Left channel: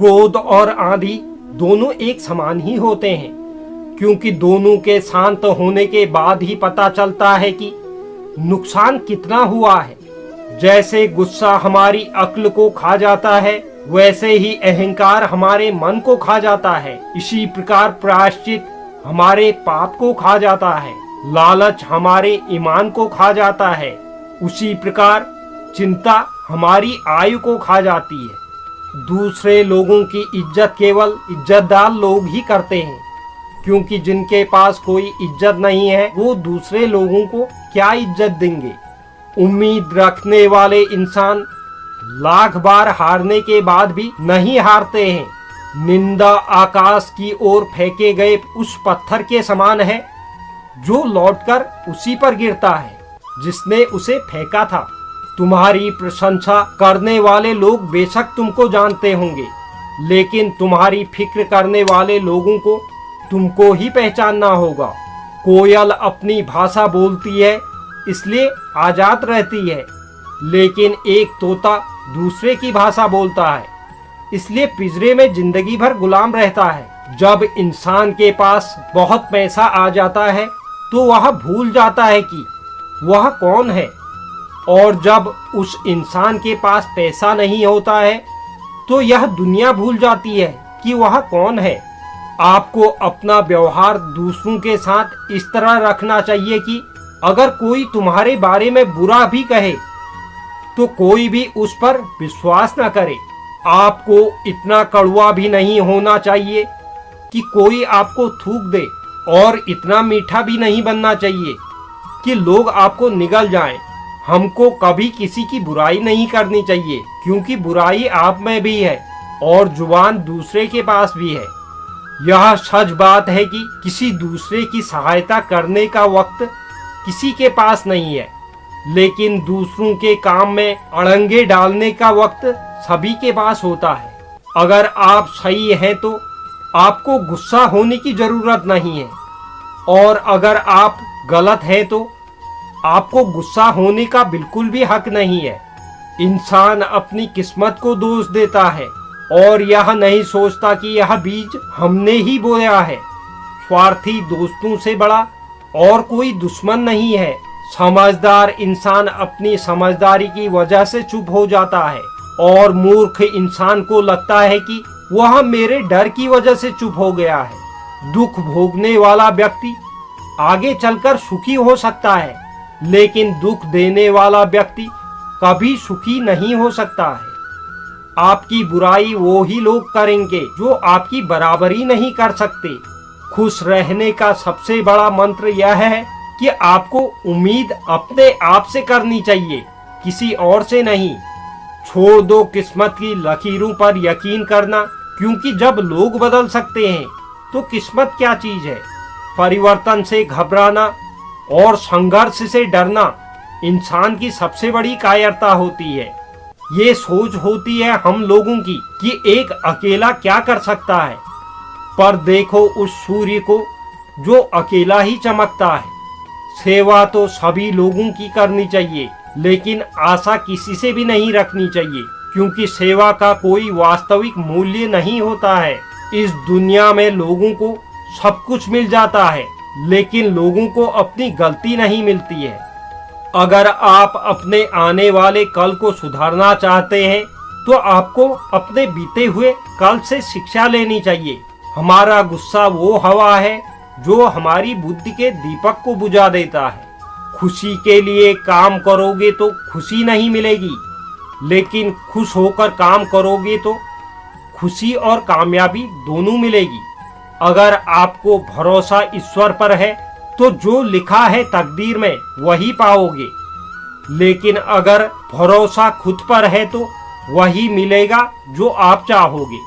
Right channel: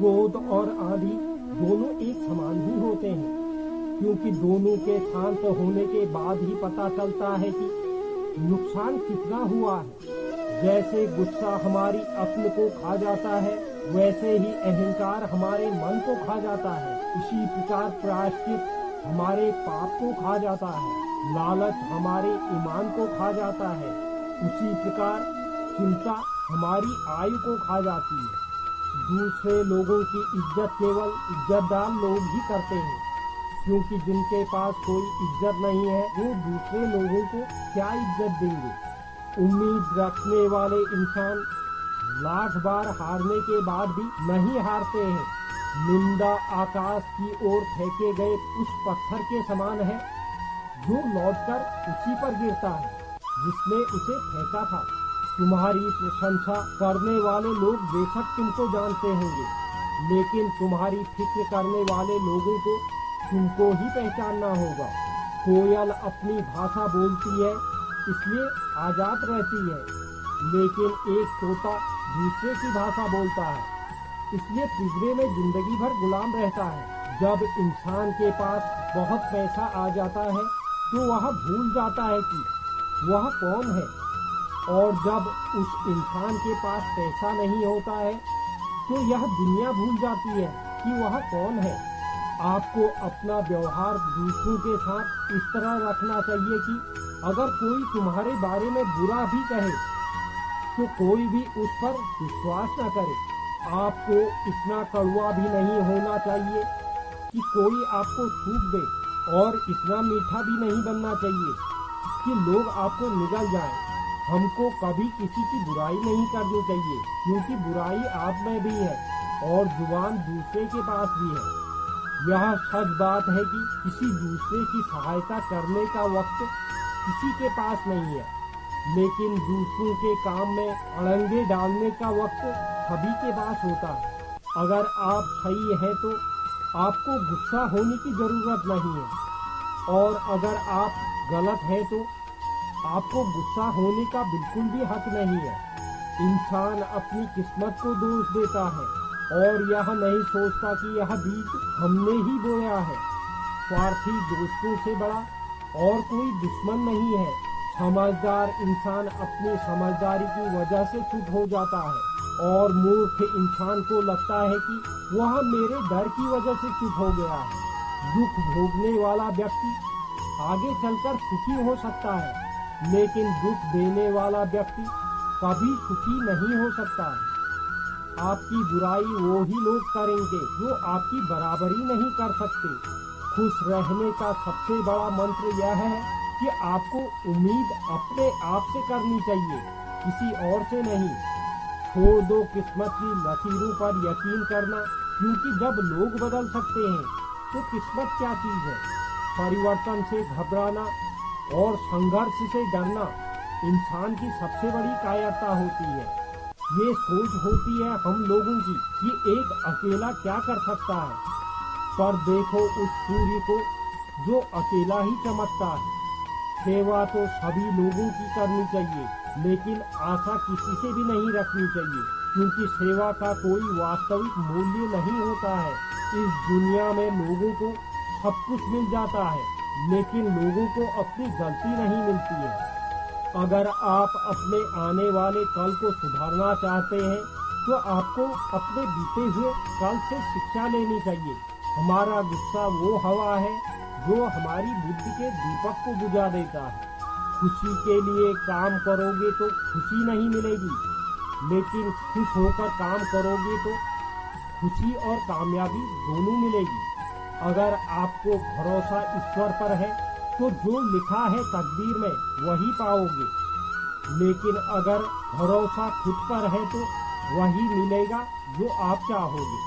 क्रोध और आंधी दोनों एक समान ही होते हैं, क्योंकि दोनों के शांत होने के बाद ही पता चलता है कि नुकसान कितना हुआ है। जैसे गुस्सा हमारी अक्ल को खा जाता है, वैसे ही अहंकार हमारे मन को खा जाता है। इसी प्रकार प्रायश्चित हमारे पाप को खा जाता है, लालच हमारे ईमान को खा जाता है। उसी प्रकार चिंता हमारी आयु को खा जाती है। दूसरे लोगों की इज्जत केवल इज्जतदार लोग ही करते हैं, क्योंकि जिनके पास कोई इज्जत नहीं है वो दूसरे लोगों को क्या इज्जत देंगे। उम्मीद रखने वाले इंसान लाख बार हारने के बाद भी नहीं हारते हैं। निंदा आकाश की ओर फेंके गए उस पत्थर के समान है जो लौटकर उसी पर गिरता है जिसने उसे फेंका था। तुम्हारी प्रशंसा करने वाले लोग बेशक तुमको जानते होंगे, लेकिन तुम्हारी फिक्र करने वाले लोगों को तुमको ही पहचानना होगा। कोयल अपनी भाषा बोलती है इसलिए आजाद रहती है, लेकिन एक तोता दूसरे की भाषा बोलता है इसलिए पिंजरे में जिंदगी भर गुलाम रहता है। जब इंसान के पास बहुत पैसा आ जाता है तो वह भूल जाता है कि वह कौन है, और जब उस इंसान के पास पैसा नहीं होता है तो यह दुनिया भूल जाती है कि वह कौन है। आपको अपना व्यवहार दूसरों के साथ इस तरह रखना चाहिए कि अगर कोई तुम्हारे बारे में बुरा भी कहे तो कोई भी उस पर विश्वास न करे। आपको इतना कड़वा भी नहीं होना चाहिए कि कोई आपको थूक दे, और इतना मीठा भी नहीं बनना चाहिए कि लोग आपको निगल जाएं। हमको कभी किसी की बुराई नहीं करनी चाहिए, क्योंकि बुराई आप में भी है और जुबान दूसरे के पास भी है। यह सच बात है कि किसी दूसरे की सहायता करने का वक्त किसी के पास नहीं है, लेकिन दूसरों के काम में अड़ंगे डालने का वक्त सभी के पास होता है। अगर आप सही हैं तो आपको गुस्सा होने की जरूरत नहीं है, और अगर आप गलत हैं तो आपको गुस्सा होने का बिल्कुल भी हक नहीं है। इंसान अपनी किस्मत को दोष देता है और यह नहीं सोचता कि यह बीज हमने ही बोया है। स्वार्थी दोस्तों से बड़ा और कोई दुश्मन नहीं है। समझदार इंसान अपनी समझदारी की वजह से चुप हो जाता है, और मूर्ख इंसान को लगता है कि वह मेरे डर की वजह से चुप हो गया है। दुख भोगने वाला व्यक्ति आगे चलकर सुखी हो सकता है, लेकिन दुख देने वाला व्यक्ति कभी सुखी नहीं हो सकता है। आपकी बुराई वो ही लोग करेंगे जो आपकी बराबरी नहीं कर सकते। खुश रहने का सबसे बड़ा मंत्र यह है कि आपको उम्मीद अपने आप से करनी चाहिए, किसी और से नहीं। छोड़ दो किस्मत की लकीरों पर यकीन करना, क्योंकि जब लोग बदल सकते हैं तो किस्मत क्या चीज है। परिवर्तन से घबराना और संघर्ष से डरना इंसान की सबसे बड़ी कायरता होती है। ये सोच होती है हम लोगों की कि एक अकेला क्या कर सकता है, पर देखो उस सूर्य को जो अकेला ही चमकता है। सेवा तो सभी लोगों की करनी चाहिए, लेकिन आशा किसी से भी नहीं रखनी चाहिए, क्योंकि सेवा का कोई वास्तविक मूल्य नहीं होता है। इस दुनिया में लोगों को सब कुछ मिल जाता है, लेकिन लोगों को अपनी गलती नहीं मिलती है। अगर आप अपने आने वाले कल को सुधारना चाहते हैं तो आपको अपने बीते हुए कल से शिक्षा लेनी चाहिए। हमारा गुस्सा वो हवा है जो हमारी बुद्धि के दीपक को बुझा देता है। खुशी के लिए काम करोगे तो खुशी नहीं मिलेगी, लेकिन खुश होकर काम करोगे तो खुशी और कामयाबी दोनों मिलेगी। अगर आपको भरोसा ईश्वर पर है तो जो लिखा है तकदीर में वही पाओगे, लेकिन अगर भरोसा खुद पर है तो वही मिलेगा जो आप चाहोगे।